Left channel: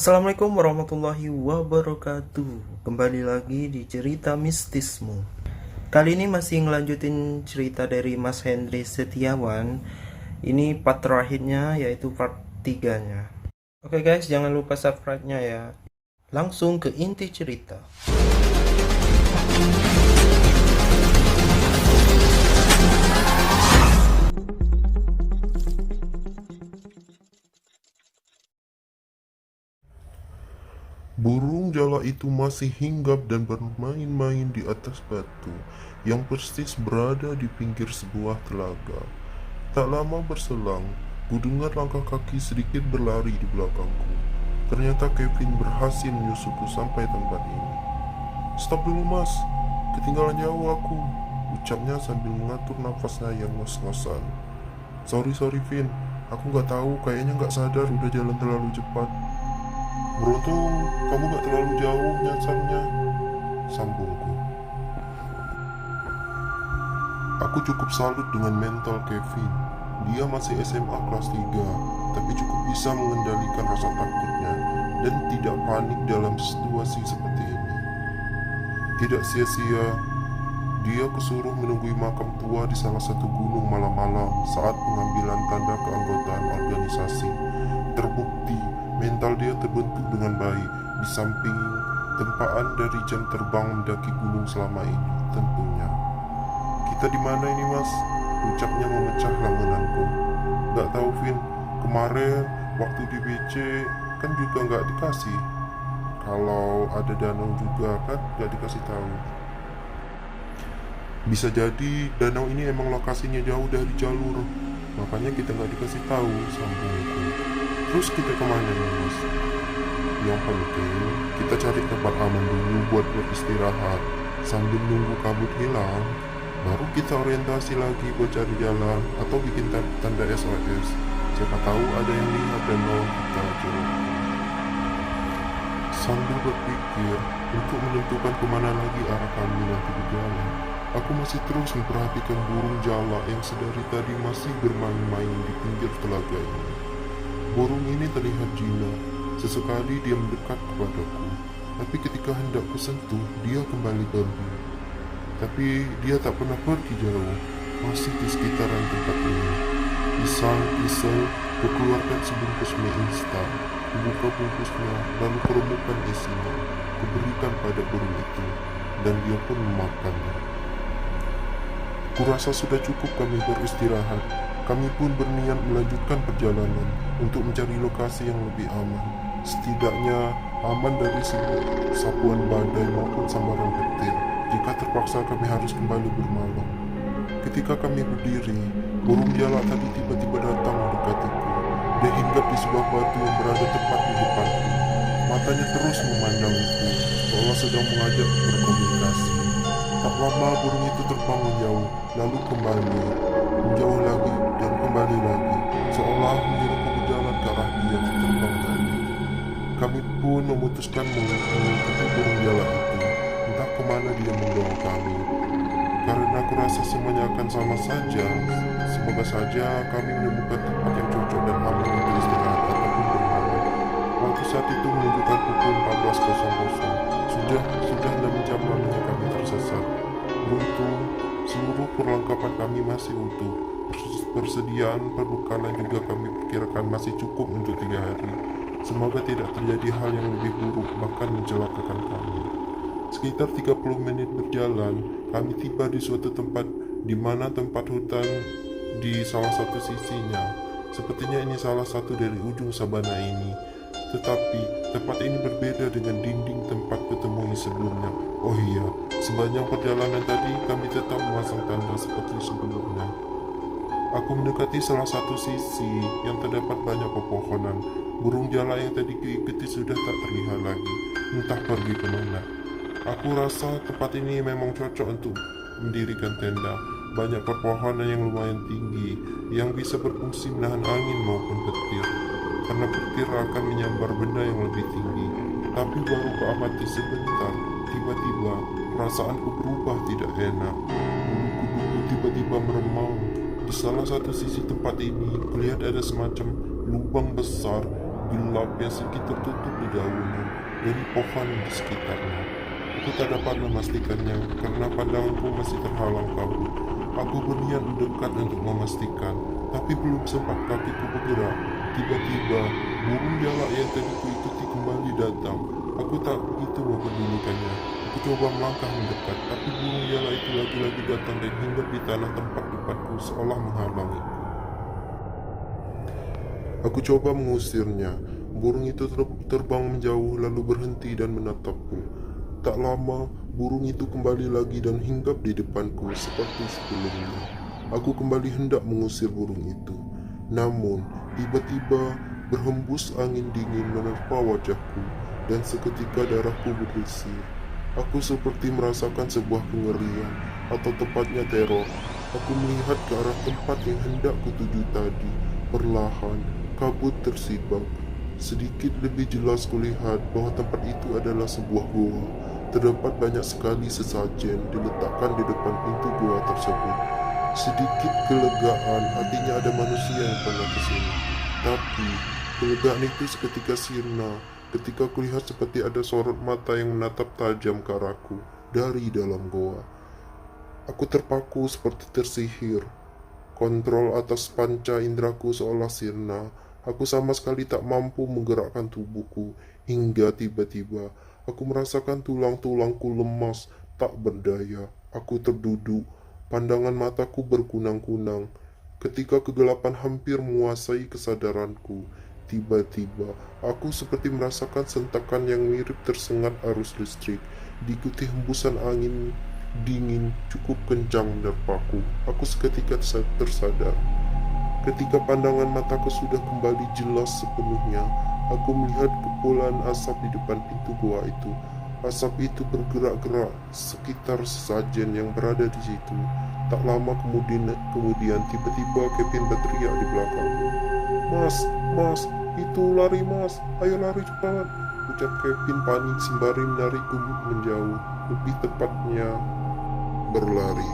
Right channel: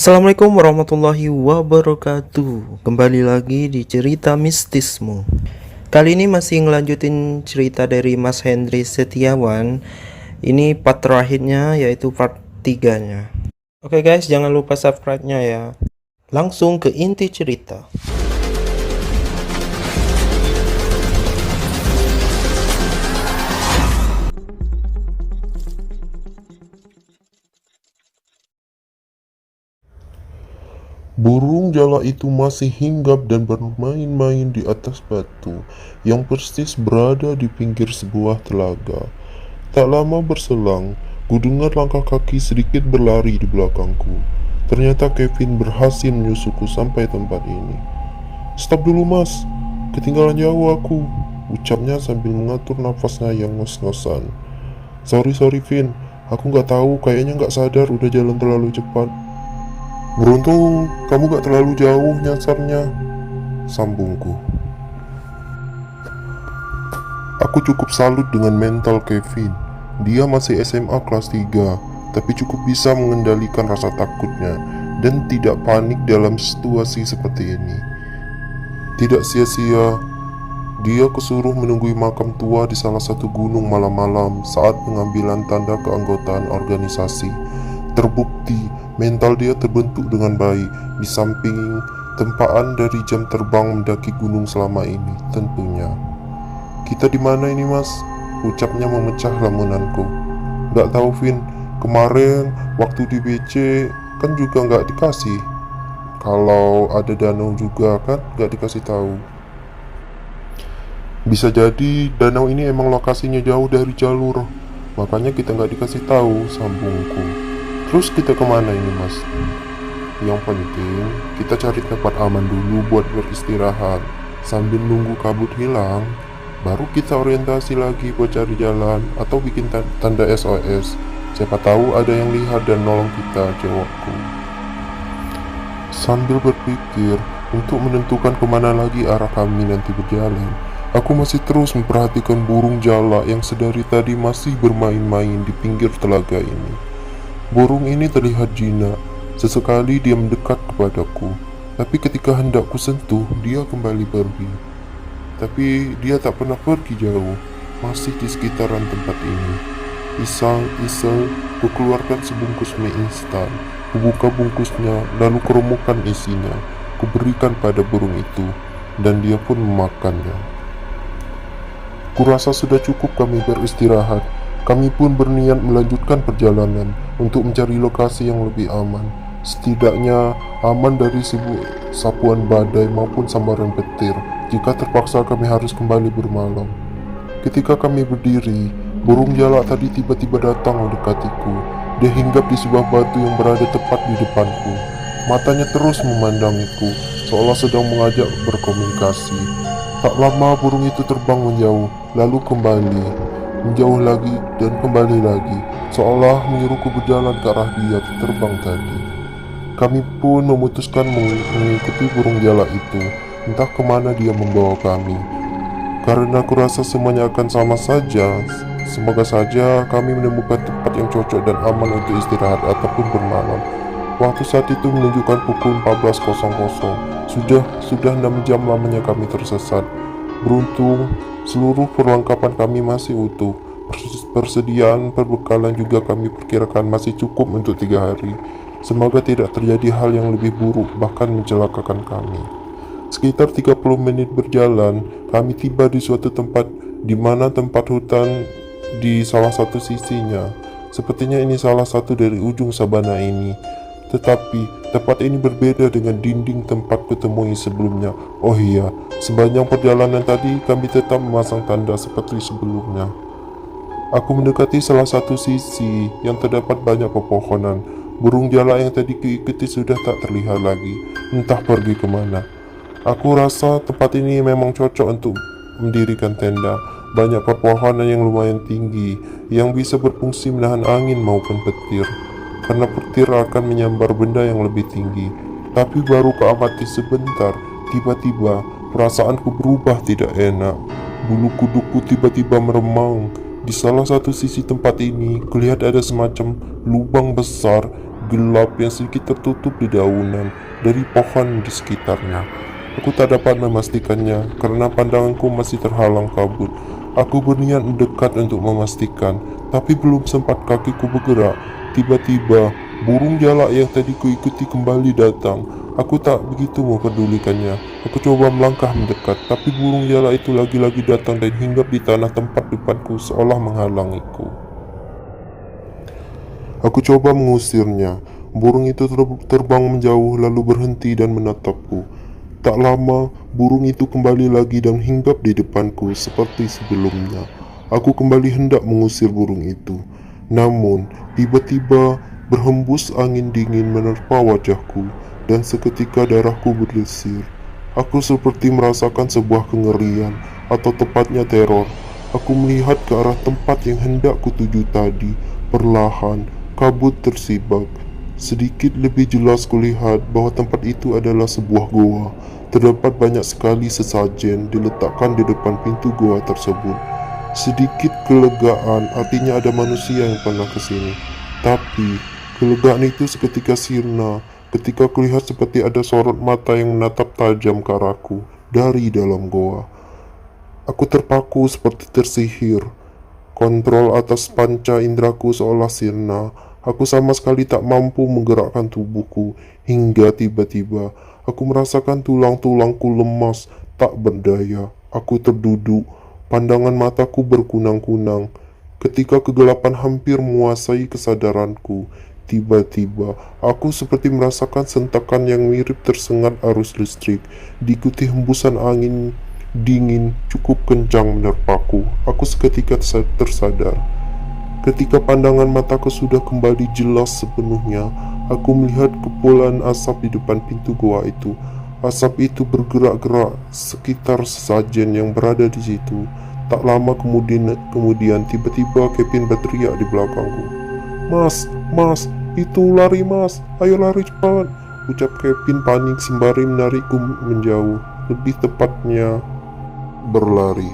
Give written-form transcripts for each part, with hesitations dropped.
Assalamualaikum warahmatullahi wabarakatuh. Kembali lagi di cerita mistismu. Kali ini masih ngelanjutin cerita dari Mas Hendri Setiawan. Ini part terakhirnya, yaitu part 3-nya. Oke guys, jangan lupa subscribe-nya ya. Langsung ke inti cerita. Burung jala itu masih hinggap dan bermain-main di atas batu yang persis berada di pinggir sebuah telaga. Tak lama berselang, kudengar langkah kaki sedikit berlari di belakangku. Ternyata Kevin berhasil menyusulku sampai tempat ini. "Stop dulu mas, ketinggalan jauh aku," ucapnya sambil mengatur nafasnya yang ngos-ngosan. Sorry Vin, aku nggak tahu, kayaknya nggak sadar udah jalan terlalu cepat." "Beruntung kamu gak terlalu jauh nyasarnya," sambungku. Aku cukup salut dengan mental Kevin. Dia masih SMA kelas 3, tapi cukup bisa mengendalikan rasa takutnya dan tidak panik dalam situasi seperti ini. Tidak sia-sia, dia kesuruh menunggui makam tua di salah satu gunung malam-malam saat pengambilan tanda keanggotaan organisasi. Terbukti mental dia terbentuk dengan baik, di samping tempaan dari jam terbang mendaki gunung selama ini tentunya. "Kita di mana ini mas?" ucapnya memecah lamunanku. "Gak tahu Vin, kemarin waktu di BC kan juga gak dikasih. Kalau ada danau juga kan gak dikasih tahu." "Bisa jadi danau ini emang lokasinya jauh dari jalur, makanya kita gak dikasih tahu," sambungku. "Terus kita kemana ini mas?" "Yang penting kita cari tempat aman dulu buat beristirahat. Sambil nunggu kabut hilang, baru kita orientasi lagi buat cari jalan atau bikin tanda SOS. Siapa tahu ada yang lihat dan nolong kita," jawabku. Sambil berpikir untuk menentukan kemana lagi arah kami nanti berjalan, aku masih terus memperhatikan burung jala yang sedari tadi masih bermain-main di pinggir telaga ini. Burung ini terlihat jinak. Sesekali dia mendekat kepadaku, tapi ketika hendak kusentuh, dia kembali pergi. Tapi dia tak pernah pergi jauh, masih di sekitaran tempat ini. Isal-isal, kukeluarkan sebungkus mie instan. Kubuka bungkusnya, lalu kerumukan isinya. Kuberikan pada burung itu, dan dia pun memakannya. Kurasa sudah cukup kami beristirahat. Kami pun berniat melanjutkan perjalanan untuk mencari lokasi yang lebih aman. Setidaknya aman dari sapuan badai maupun sambaran petir jika terpaksa kami harus kembali bermalam. Ketika kami berdiri, burung jalak tadi tiba-tiba datang mendekatiku. Dia hinggap di sebuah batu yang berada tepat di depanku. Matanya terus memandangiku, seolah sedang mengajak berkomunikasi. Tak lama burung itu terbang menjauh, lalu kembali, menjauh lagi dan kembali lagi, seolah menyuruhku berjalan ke arah dia terbang tadi. Kami pun memutuskan mengikuti burung jalak itu, entah kemana dia membawa kami. Karena kurasa semuanya akan sama saja, semoga saja kami menemukan tempat yang cocok dan aman untuk istirahat ataupun bermalam. Waktu saat itu menunjukkan pukul 14.00. Sudah 6 jam lamanya kami tersesat. Beruntung, seluruh perlengkapan kami masih utuh. Persediaan perbekalan juga kami perkirakan masih cukup untuk 3 hari. Semoga tidak terjadi hal yang lebih buruk, bahkan mencelakakan kami. Sekitar 30 menit berjalan, kami tiba di suatu tempat di mana tempat hutan di salah satu sisinya. Sepertinya ini salah satu dari ujung sabana ini. Tetapi tempat ini berbeda dengan dinding tempat kutemui sebelumnya. Oh iya, sepanjang perjalanan tadi kami tetap memasang tanda seperti sebelumnya. Aku mendekati salah satu sisi yang terdapat banyak pepohonan. Burung jalak yang tadi kuikuti sudah tak terlihat lagi, entah pergi kemana. Aku rasa tempat ini memang cocok untuk mendirikan tenda. Banyak pepohonan yang lumayan tinggi, yang bisa berfungsi menahan angin maupun petir. Karena petir akan menyambar benda yang lebih tinggi. Tapi baru kuamati sebentar, tiba-tiba perasaanku berubah tidak enak. Bulu kuduku tiba-tiba meremang. Di salah satu sisi tempat ini, kulihat ada semacam lubang besar gelap yang sedikit tertutup di daunan dari pohon di sekitarnya. Aku tak dapat memastikannya karena pandanganku masih terhalang kabut. Aku berniat mendekat untuk memastikan, tapi belum sempat kakiku bergerak. Tiba-tiba, burung jalak yang tadi kuikuti kembali datang. Aku tak begitu memperdulikannya. Aku coba melangkah mendekat, tapi burung jalak itu lagi-lagi datang dan hinggap di tanah tempat depanku seolah menghalangiku. Aku coba mengusirnya. Burung itu terbang menjauh lalu berhenti dan menatapku. Tak lama, burung itu kembali lagi dan hinggap di depanku seperti sebelumnya. Aku kembali hendak mengusir burung itu. Namun, tiba-tiba berhembus angin dingin menerpa wajahku dan seketika darahku berdesis. Aku seperti merasakan sebuah kengerian atau tepatnya teror. Aku melihat ke arah tempat yang hendak kutuju tadi. Perlahan, kabut tersibak. Sedikit lebih jelas kulihat bahwa tempat itu adalah sebuah goa. Terdapat banyak sekali sesajen diletakkan di depan pintu goa tersebut. Sedikit kelegaan, artinya ada manusia yang pernah ke sini. Tapi, kelegaan itu seketika sirna ketika kulihat seperti ada sorot mata yang menatap tajam ke arahku dari dalam goa. Aku terpaku seperti tersihir. Kontrol atas panca indraku seolah sirna. Aku sama sekali tak mampu menggerakkan tubuhku hingga tiba-tiba aku merasakan tulang-tulangku lemas, tak berdaya. Aku terduduk, pandangan mataku berkunang-kunang. Ketika kegelapan hampir menguasai kesadaranku, tiba-tiba aku seperti merasakan sentakan yang mirip tersengat arus listrik, diikuti hembusan angin dingin cukup kencang menerpaku. Aku seketika tersadar. Ketika pandangan mataku sudah kembali jelas sepenuhnya, aku melihat kepulan asap di depan pintu goa itu. Asap itu bergerak-gerak sekitar sesajen yang berada di situ. Tak lama kemudian tiba-tiba Kevin berteriak di belakangku. Mas, itu lari mas, ayo lari cepat. Ucap Kevin panik sembari menarikku menjauh, lebih tepatnya berlari.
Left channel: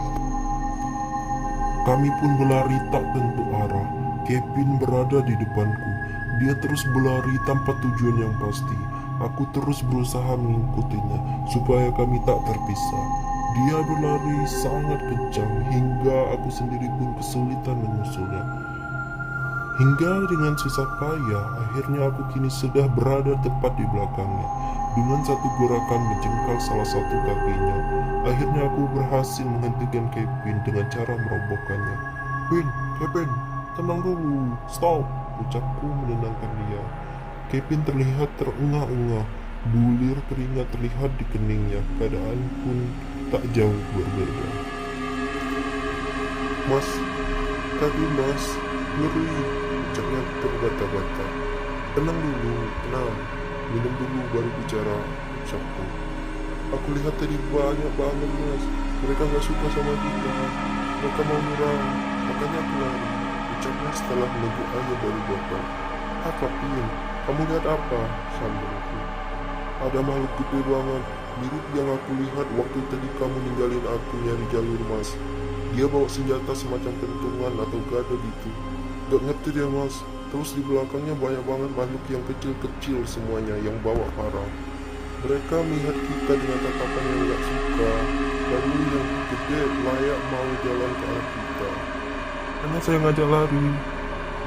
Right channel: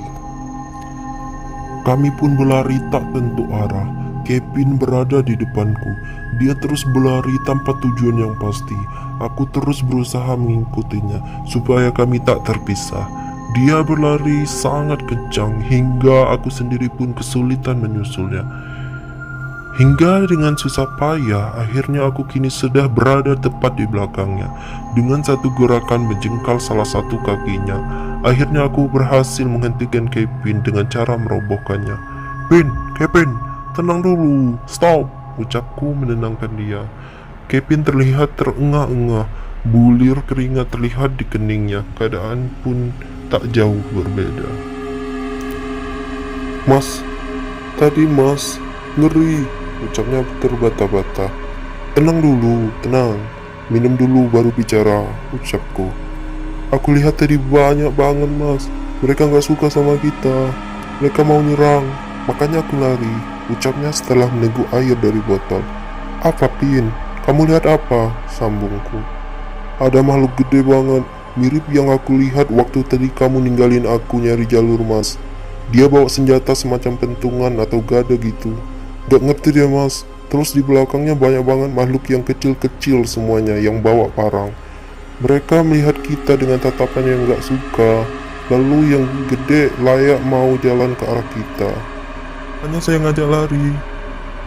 Kami pun berlari tak tentu arah. Kevin berada di depanku. Dia terus berlari tanpa tujuan yang pasti. Aku terus berusaha mengikutinya supaya kami tak terpisah. Dia berlari sangat kencang hingga aku sendiri pun kesulitan menyusulnya. Hingga dengan susah payah, akhirnya aku kini sudah berada tepat di belakangnya. Dengan satu gerakan menjengkal salah satu kakinya, akhirnya aku berhasil menghentikan Kevin dengan cara merobohkannya. Kevin, tenang dulu, stop, ucapku menenangkan dia. Kevin terlihat terengah-engah, bulir keringat terlihat di keningnya, keadaan pun tak jauh berbeda. Mas, tadi mas, ngeri, ucapnya terbata-bata. Tenang dulu, tenang, minum dulu baru bicara, ucapku. Aku lihat tadi banyak banget mas, mereka gak suka sama kita, mereka mau nyerang, makanya aku lari, ucapnya setelah meneguk air dari botol. Pin, kamu lihat apa? Sambungku. Ada makhluk gede banget, mirip yang aku lihat waktu tadi kamu ninggalin aku nyari jalur mas. Dia bawa senjata semacam pentungan atau gada gitu. Gak ngerti deh mas, terus di belakangnya banyak banget makhluk yang kecil-kecil semuanya yang bawa parang. Mereka melihat kita dengan tatapan yang gak suka, lalu yang gede layak mau jalan ke arah kita. Hanya saya ngajak lari,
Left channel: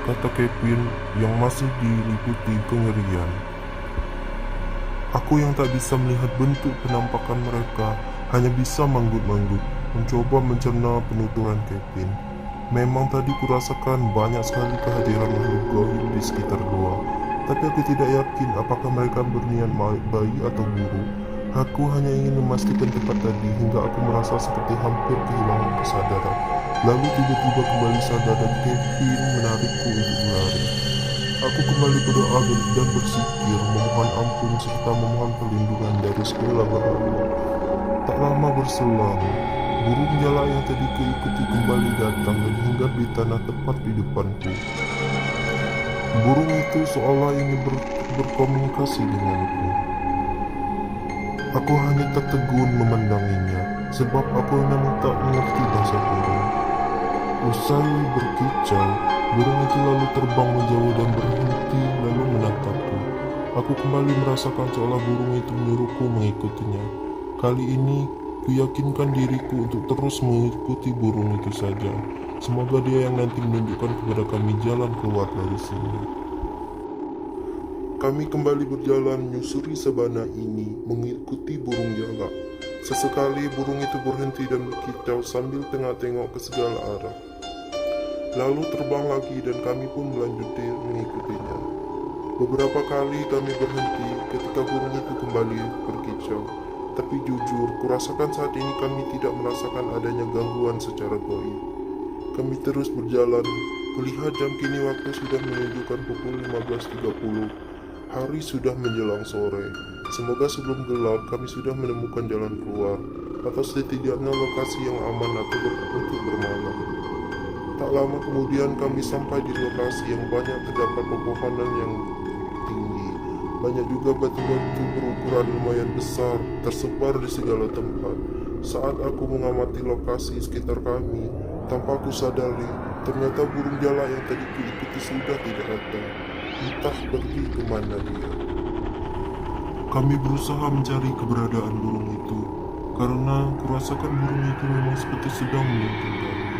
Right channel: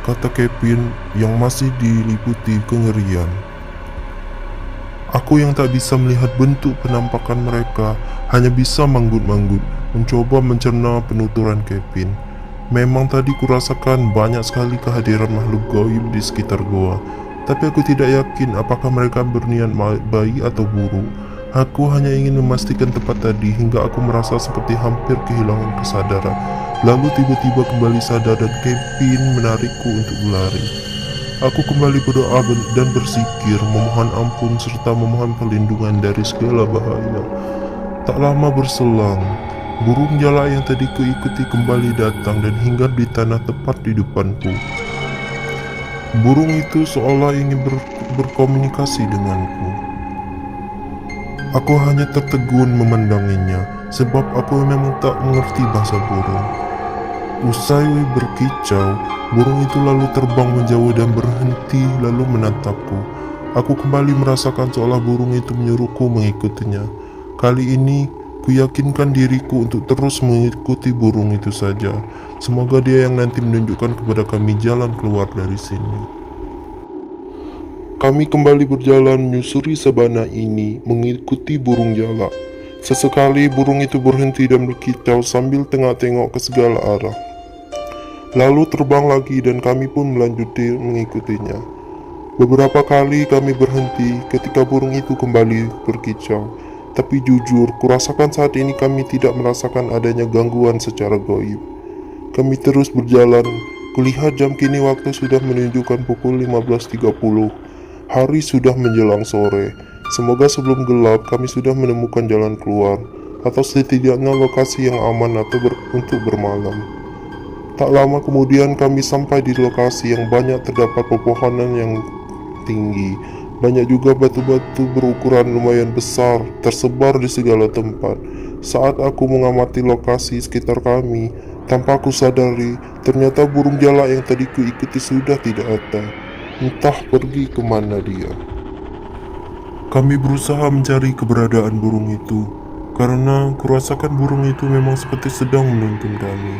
kata Kevin yang masih diliputi kengerian. Aku yang tak bisa melihat bentuk penampakan mereka, hanya bisa manggut-manggut, mencoba mencerna penuturan Kevin. Memang tadi kurasakan banyak sekali kehadiran makhluk gaib di sekitar goa. Tapi aku tidak yakin apakah mereka berniat baik atau buruk. Aku hanya ingin memastikan tempat tadi hingga aku merasa seperti hampir kehilangan kesadaran. Lalu tiba-tiba kembali sadar dan Kevin menarikku untuk berlari. Aku kembali berdoa dan berzikir, memohon ampun serta memohon perlindungan dari segala bahaya. Tak lama berselang, burung jalak yang tadi kuikuti kembali datang dan hinggap di tanah tepat di depanku. Burung itu seolah ingin berkomunikasi denganku. Aku hanya tertegun memandanginya, sebab aku memang tak mengerti bahasa burung. Usai berkicau, burung itu lalu terbang menjauh dan berhenti lalu menatapku. Aku kembali merasakan seolah burung itu menyuruhku mengikutinya. Kali ini, kuyakinkan diriku untuk terus mengikuti burung itu saja. Semoga dia yang nanti menunjukkan kepada kami jalan keluar dari sini. Kami kembali berjalan menyusuri sabana ini mengikuti burung jalak. Sesekali burung itu berhenti dan berkicau sambil tengok-tengok ke segala arah. Lalu terbang lagi dan kami pun melanjuti mengikutinya. Beberapa kali kami berhenti ketika burung itu kembali berkicau. Tapi jujur, kurasakan saat ini kami tidak merasakan adanya gangguan secara gaib. Kami terus berjalan. Kulihat jam kini waktu sudah menunjukkan pukul 15.30. Hari sudah menjelang sore. Semoga sebelum gelap kami sudah menemukan jalan keluar, atau setidaknya lokasi yang aman untuk bermalam. Tak lama kemudian kami sampai di lokasi yang banyak terdapat pepohonan yang tinggi. Banyak juga batu-batu berukuran lumayan besar tersebar di segala tempat. Saat aku mengamati lokasi sekitar kami, tanpa aku sadari, ternyata burung jalak yang tadi kuikuti sudah tidak ada. Entah pergi kemana dia. Kami berusaha mencari keberadaan burung itu, karena kurasakan burung itu memang seperti sedang menuntun kami.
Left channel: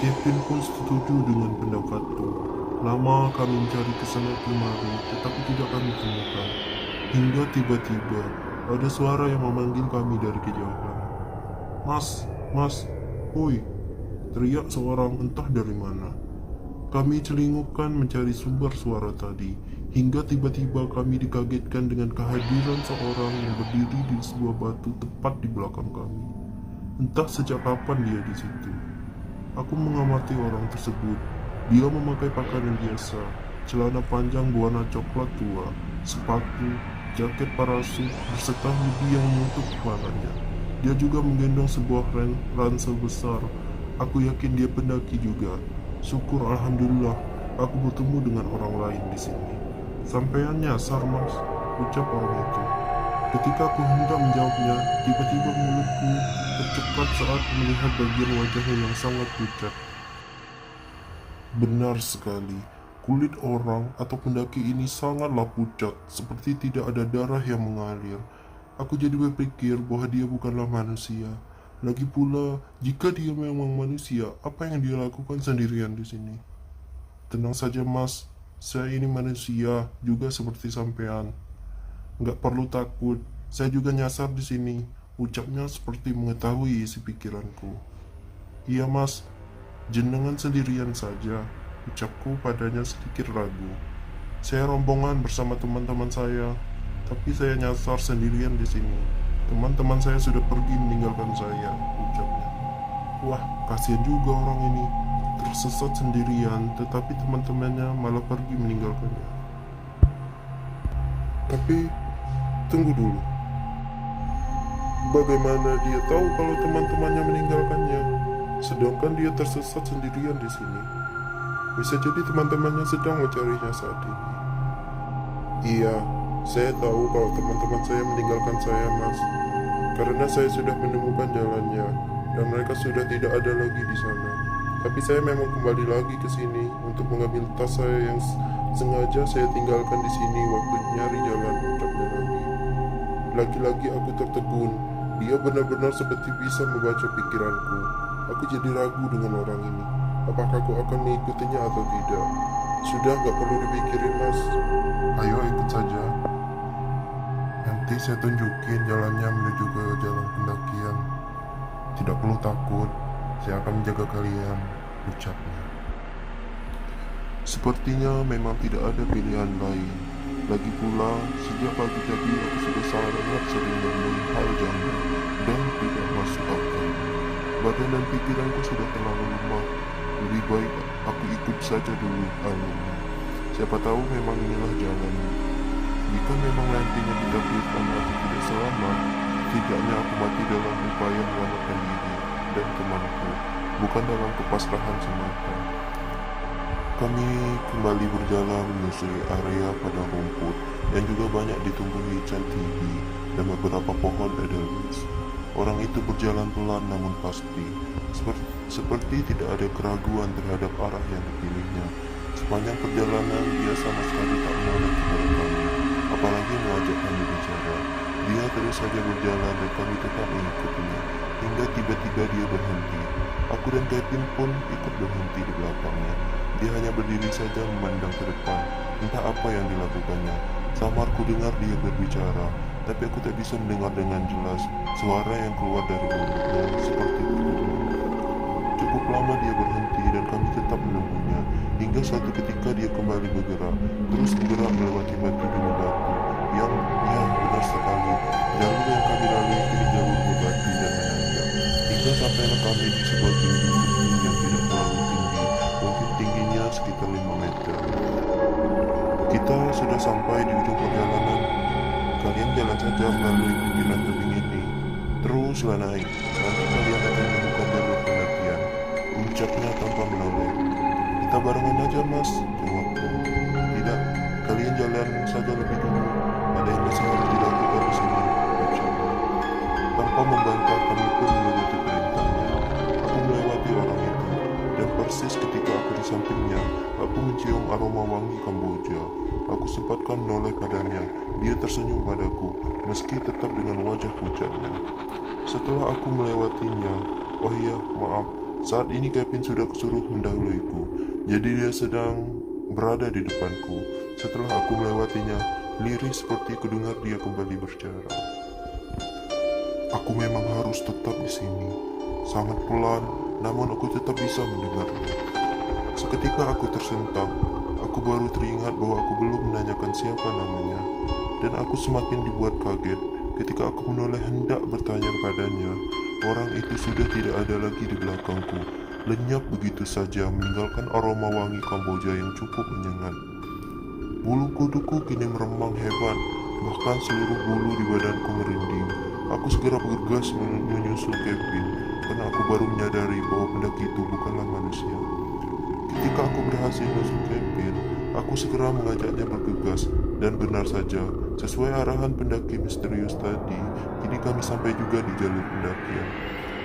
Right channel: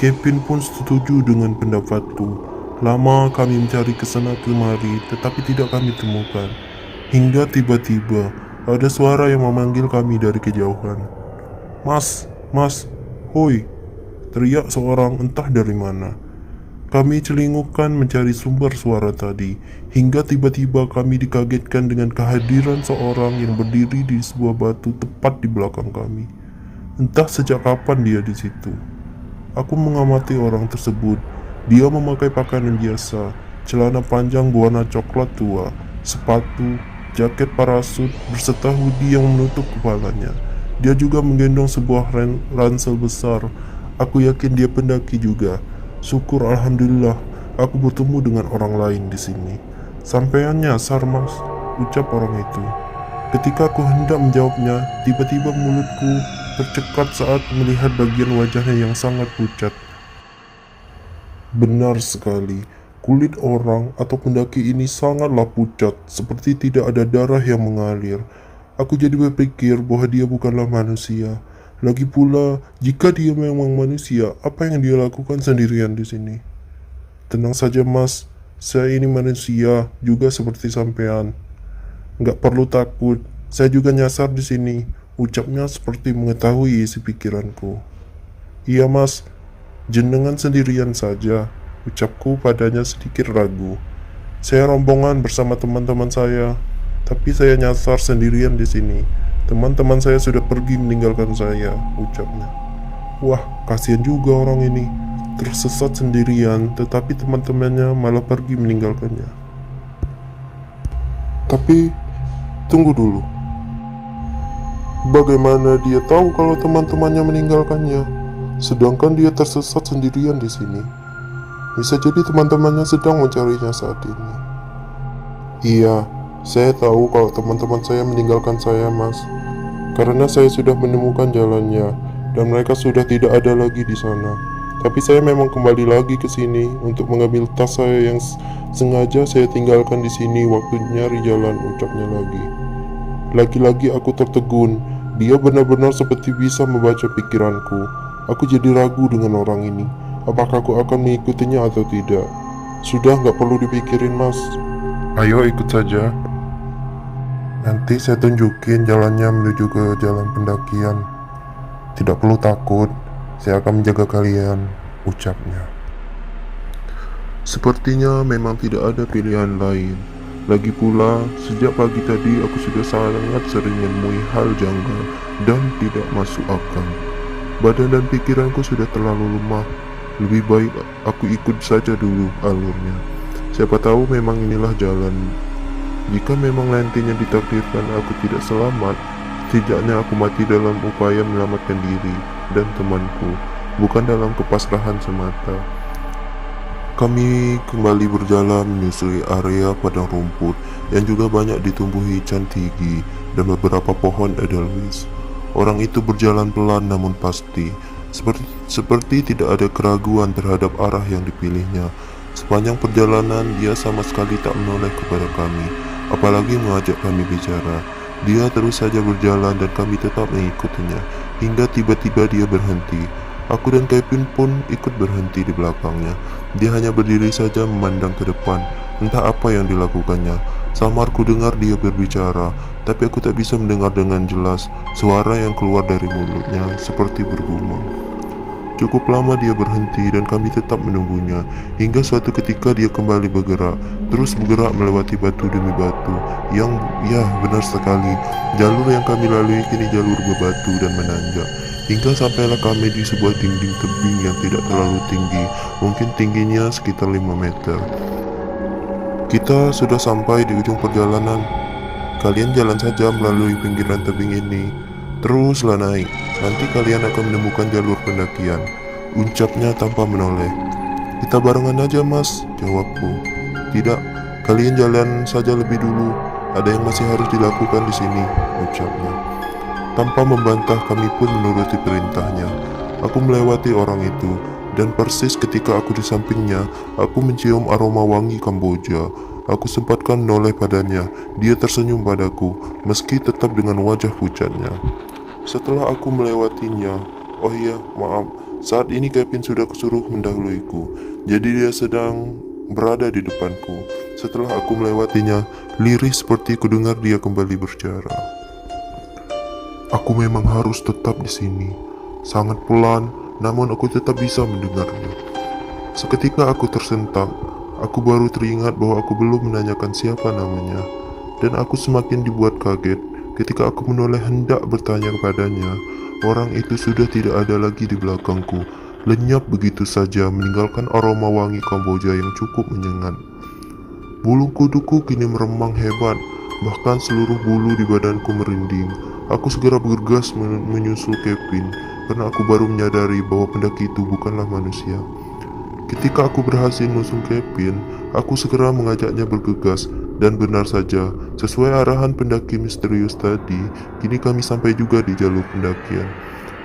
Kevin pun setuju dengan pendapatku. Lama kami mencari kesana kemari, tetapi tidak kami temukan. Hingga tiba-tiba, ada suara yang memanggil kami dari kejauhan. Mas, mas, hoi, teriak seorang entah dari mana. Kami celingukkan mencari sumber suara tadi, hingga tiba-tiba kami dikagetkan dengan kehadiran seorang yang berdiri di sebuah batu tepat di belakang kami. Entah sejak kapan dia di situ. Aku mengamati orang tersebut. Dia memakai pakaian biasa, celana panjang berwarna coklat tua, sepatu, jaket parasut, berserta hoodie yang menutup kepalanya. Dia juga menggendong sebuah ransel besar. Aku yakin dia pendaki juga. Syukur alhamdulillah, aku bertemu dengan orang lain di sini. Sampean nyasar mas, ucap orang itu. Ketika aku hendak menjawabnya, tiba-tiba mulutku tercekap saat melihat bagian wajahnya yang sangat pucat. Benar sekali, kulit orang atau pendaki ini sangatlah pucat, seperti tidak ada darah yang mengalir. Aku jadi berpikir bahwa dia bukanlah manusia. Lagi pula, jika dia memang manusia, apa yang dia lakukan sendirian di sini? Tenang saja mas, saya ini manusia juga seperti sampean. Nggak perlu takut, saya juga nyasar di sini. Ucapnya seperti mengetahui isi pikiranku. Iya mas, jenengan sendirian saja, ucapku padanya sedikit ragu. Saya rombongan bersama teman-teman saya, tapi saya nyasar sendirian di sini. Teman-teman saya sudah pergi meninggalkan saya, ucapnya. Wah, kasihan juga orang ini. Tersesat sendirian, tetapi teman-temannya malah pergi meninggalkannya. Tapi, tunggu dulu. Bagaimana dia tahu kalau teman-temannya meninggalkannya? Sedangkan dia tersesat sendirian di sini. Bisa jadi teman-temannya sedang mencarinya saat ini. Iya, saya tahu kalau teman-teman saya meninggalkan saya, mas. Karena saya sudah menemukan jalannya, dan mereka sudah tidak ada lagi di sana. Tapi saya memang kembali lagi ke sini untuk mengambil tas saya yang sengaja saya tinggalkan di sini waktu nyari jalan, ucapnya lagi. Lagi-lagi aku tertegun. Dia benar-benar seperti bisa membaca pikiranku. Aku jadi ragu dengan orang ini. Apakah aku akan mengikutinya atau tidak? Sudah nggak perlu dipikirin, mas. Ayo ikut saja. Nanti saya tunjukin jalannya menuju ke jalan pendakian. Tidak perlu takut, saya akan menjaga kalian, ucapnya. Sepertinya memang tidak ada pilihan lain. Lagi pula, sejak pagi tadi aku sudah sangat sering menemui hal janggal dan tidak masuk akal. Badan dan pikiranku sudah terlalu lemah. Lebih baik aku ikut saja dulu alurnya. Siapa tahu memang inilah jalan. Jika memang nantinya ditakdirkan aku tidak selamat, setidaknya aku mati dalam upaya menyelamatkan diri dan temanku, bukan dalam kepasrahan semata. Kami kembali berjalan menyusuri area padang rumput yang juga banyak ditumbuhi cantigi dan beberapa pohon edelweiss. Orang itu berjalan pelan namun pasti, Seperti tidak ada keraguan terhadap arah yang dipilihnya. Sepanjang perjalanan, dia sama sekali tak menoleh kepada kami, apalagi mengajak kami bicara. Dia terus saja berjalan dan kami tetap mengikutinya, hingga tiba-tiba dia berhenti. Aku dan Kevin pun ikut berhenti di belakangnya. Dia hanya berdiri saja memandang ke depan, entah apa yang dilakukannya. Samar ku dengar dia berbicara, tapi aku tak bisa mendengar dengan jelas. Suara yang keluar dari mulutnya seperti bergumam. Cukup lama dia berhenti dan kami tetap menunggunya, hingga suatu ketika dia kembali bergerak, terus bergerak melewati batu demi batu. Ya, benar sekali, jalur yang kami lalui kini jalur berbatu dan menanjak, hingga sampailah kami di sebuah dinding tebing yang tidak terlalu tinggi, mungkin tingginya sekitar 5 meter. Kita sudah sampai di ujung perjalanan. Kalian jalan saja melalui pinggiran tebing ini, teruslah naik. Nanti kalian akan menemukan jalur pendakian, ucapnya tanpa menoleh. Kita barengan aja mas, jawabku. Tidak, kalian jalan saja lebih dulu. Ada yang masih harus dilakukan di sini, ucapnya. Tanpa membantah, kami pun menuruti perintahnya. Aku melewati orang itu, dan persis ketika aku di sampingnya, aku mencium aroma wangi Kamboja. Aku sempatkan menoleh padanya. Dia tersenyum padaku, meski tetap dengan wajah pucatnya. Setelah aku melewatinya, oh iya, maaf, saat ini Kevin sudah kesuruh mendahuluiku, jadi dia sedang berada di depanku. Setelah aku melewatinya, lirih seperti kudengar dia kembali berbicara. Aku memang harus tetap di sini. Sangat pelan, namun aku tetap bisa mendengarnya. Seketika aku tersentak. Aku baru teringat bahwa aku belum menanyakan siapa namanya, dan aku semakin dibuat kaget ketika aku menoleh hendak bertanya kepadanya. Orang itu sudah tidak ada lagi di belakangku, lenyap begitu saja meninggalkan aroma wangi Kamboja yang cukup menyengat. Bulu kuduku kini meremang hebat, bahkan seluruh bulu di badanku merinding. Aku segera bergegas menyusul Kevin, karena aku baru menyadari bahwa pendaki itu bukanlah manusia. Ketika aku berhasil menyusul Kevin, aku segera mengajaknya bergegas, dan benar saja, sesuai arahan pendaki misterius tadi, kini kami sampai juga di jalur pendakian.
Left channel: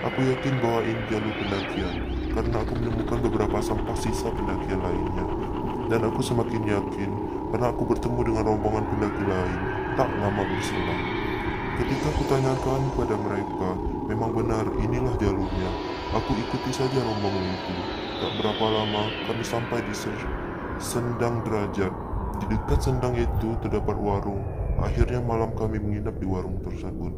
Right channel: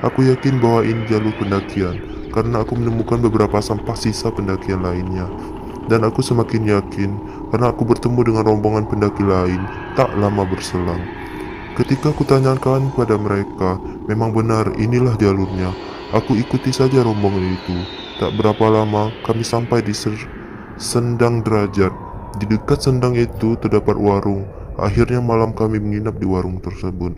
Aku yakin bahwa ini jalur pendakian, karena aku menemukan beberapa sampah sisa pendakian lainnya. Dan aku semakin yakin, karena aku bertemu dengan rombongan pendaki lain tak lama berselang. Ketika aku tanyakan pada mereka, memang benar inilah jalurnya. Aku ikuti saja rombongan itu. Tak berapa lama, kami sampai di Sendang Derajat. Di dekat sendang itu terdapat warung. Akhirnya malam kami menginap di warung tersebut.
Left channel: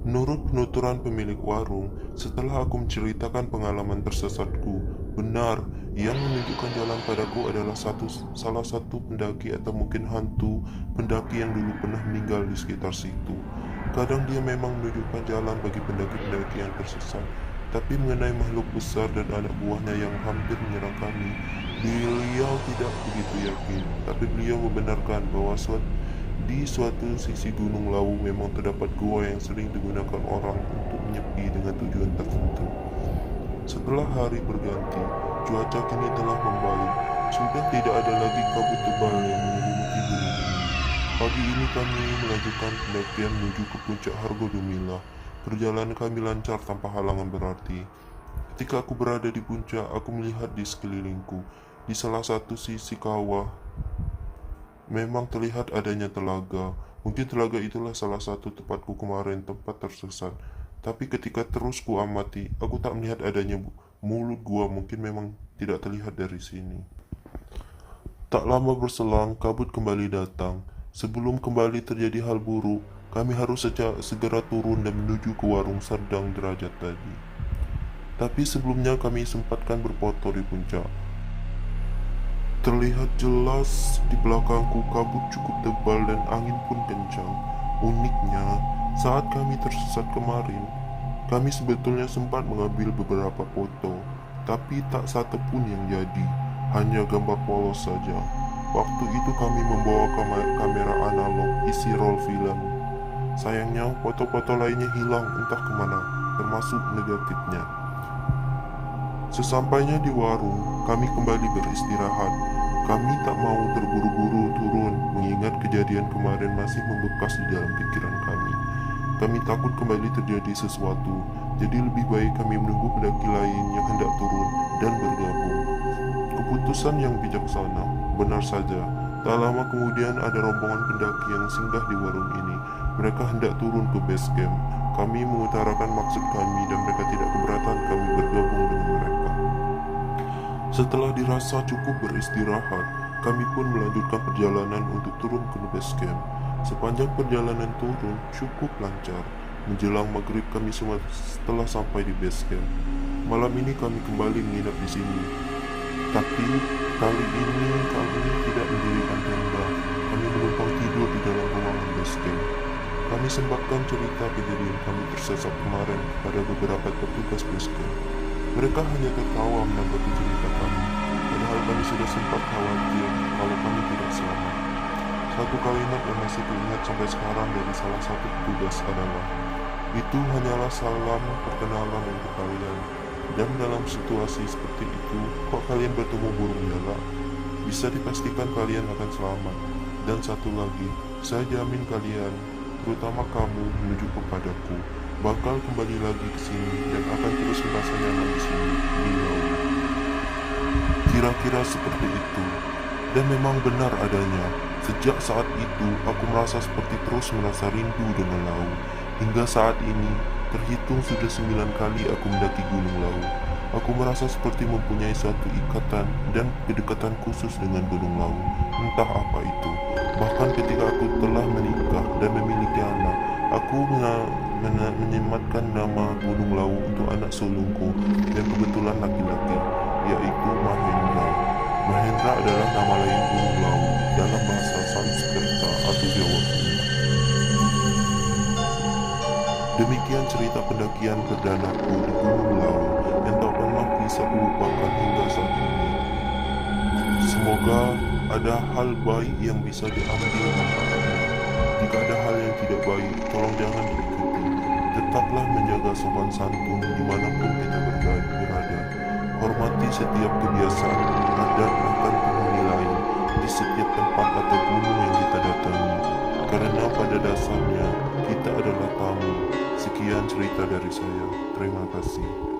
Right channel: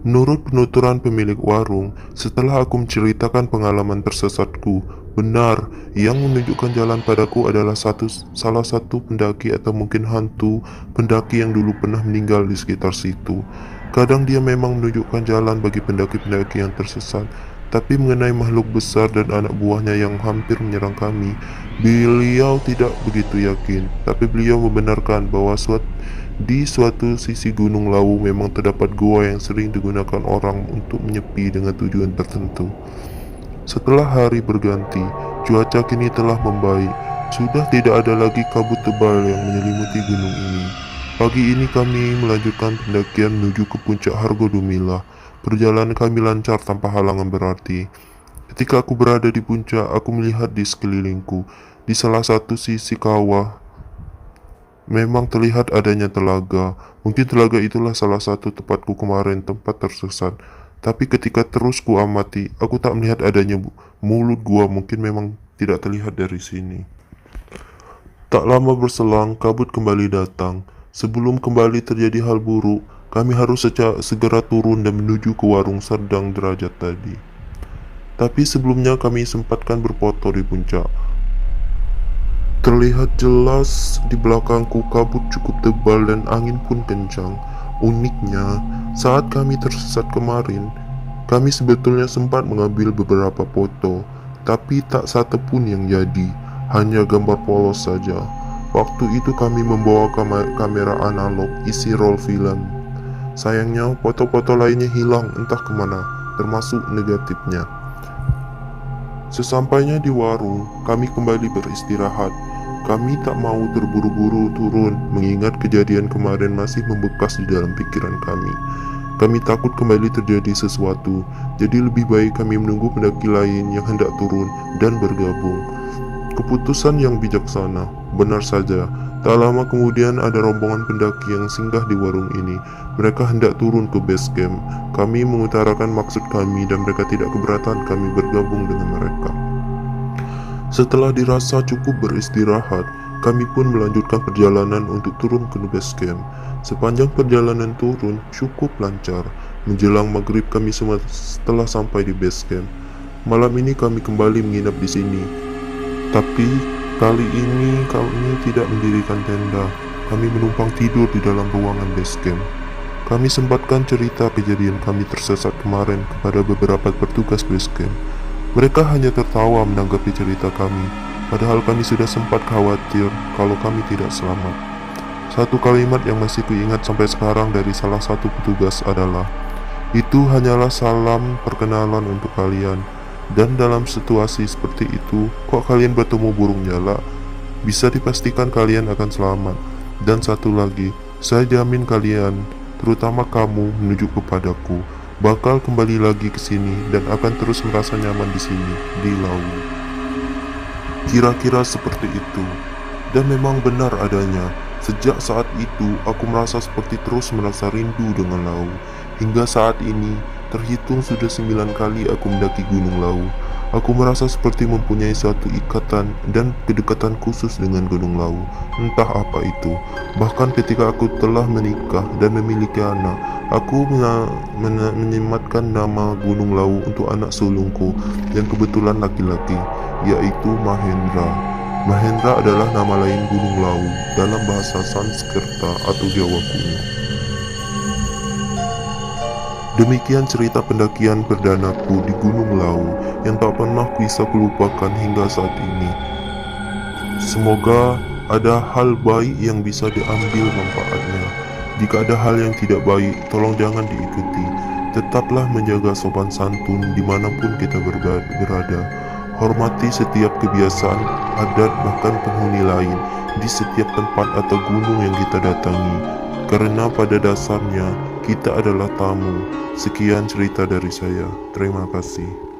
Menurut penuturan pemilik warung, setelah aku menceritakan pengalaman tersesatku, benar, yang menunjukkan jalan padaku adalah salah satu pendaki atau mungkin hantu pendaki yang dulu pernah meninggal di sekitar situ. Kadang dia memang menunjukkan jalan bagi pendaki-pendaki yang tersesat, tapi mengenai makhluk besar dan anak buahnya yang hampir menyerang kami, beliau tidak begitu yakin. Tapi beliau membenarkan bahwa di suatu sisi Gunung Lawu memang terdapat gua yang sering digunakan orang untuk menyepi dengan tujuan tertentu. Setelah hari berganti, cuaca kini telah membaik. Sudah tidak ada lagi kabut tebal yang menyelimuti gunung ini. Pagi ini kami melanjutkan pendakian menuju ke puncak Hargodumilah. Perjalanan kami lancar tanpa halangan berarti. Ketika aku berada di puncak, aku melihat di sekelilingku. Di salah satu sisi kawah, memang terlihat adanya telaga. Mungkin telaga itulah salah satu tempatku kemarin, tempat tersesat. Tapi ketika terus ku amati, aku tak melihat adanya mulut gua. Mungkin memang tidak terlihat dari sini. Tak lama berselang, kabut kembali datang. Sebelum kembali terjadi hal buruk, kami harus segera turun dan menuju ke warung Sendang Derajat tadi. Tapi sebelumnya kami sempatkan berfoto di puncak. Terlihat jelas di belakangku kabut cukup tebal dan angin pun kencang. Uniknya, saat kami tersesat kemarin, kami sebetulnya sempat mengambil beberapa foto, tapi tak satu pun yang jadi, hanya gambar polos saja. Waktu itu kami membawa kamera analog isi roll film. Sayangnya foto-foto lainnya hilang entah kemana, termasuk negatifnya. Sesampainya di warung, kami kembali beristirahat. Kami tak mau terburu-buru turun, mengingat kejadian kemarin masih membekas di dalam pikiran kami. Kami takut kembali terjadi sesuatu, jadi lebih baik kami menunggu pendaki lain yang hendak turun dan bergabung. Keputusan yang bijaksana, benar saja. Tak lama kemudian ada rombongan pendaki yang singgah di warung ini. Mereka hendak turun ke base camp. Kami mengutarakan maksud kami dan mereka tidak keberatan kami bergabung dengan mereka. Setelah dirasa cukup beristirahat, kami pun melanjutkan perjalanan untuk turun ke base camp. Sepanjang perjalanan turun cukup lancar. Menjelang maghrib kami semua setelah sampai di base camp. Malam ini kami kembali menginap di sini. Tapi kali ini kami tidak mendirikan tenda. Kami menumpang tidur di dalam ruangan base camp. Kami sempatkan cerita kejadian kami tersesat kemarin kepada beberapa petugas base camp. Mereka hanya tertawa menanggapi cerita kami, padahal kami sudah sempat khawatir kalau kami tidak selamat. Satu kalimat yang masih kuingat sampai sekarang dari salah satu petugas adalah, "Itu hanyalah salam perkenalan untuk kalian. Dan dalam situasi seperti itu, kok kalian bertemu burung nyala? Bisa dipastikan kalian akan selamat. Dan satu lagi, saya jamin kalian, terutama kamu menuju kepadaku, bakal kembali lagi ke sini dan akan terus merasa nyaman di sini, di Lawu." Kira-kira seperti itu. Dan memang benar adanya. Sejak saat itu, aku merasa seperti terus merasa rindu dengan Lawu. Hingga saat ini, terhitung sudah 9 kali aku mendaki Gunung Lawu. Aku merasa seperti mempunyai suatu ikatan dan kedekatan khusus dengan Gunung Lawu. Entah apa itu. Bahkan ketika aku telah menikah dan memiliki anak, aku menyematkan nama Gunung Lawu untuk anak sulungku yang kebetulan laki-laki, yaitu Mahendra. Mahendra adalah nama lain Gunung Lawu dalam bahasa Sanskerta atau Jawa kuno. Demikian cerita pendakian perdanaku di Gunung Lawu yang tak pernah bisa kulupakan hingga saat ini. Semoga ada hal baik yang bisa diambil manfaatnya. Jika ada hal yang tidak baik, tolong jangan diikuti. Tetaplah menjaga sopan santun dimanapun kita berada. Hormati setiap kebiasaan, adat, bahkan penghuni lain di setiap tempat atau gunung yang kita datangi. Karena pada dasarnya kita adalah tamu. Sekian cerita dari saya. Terima kasih.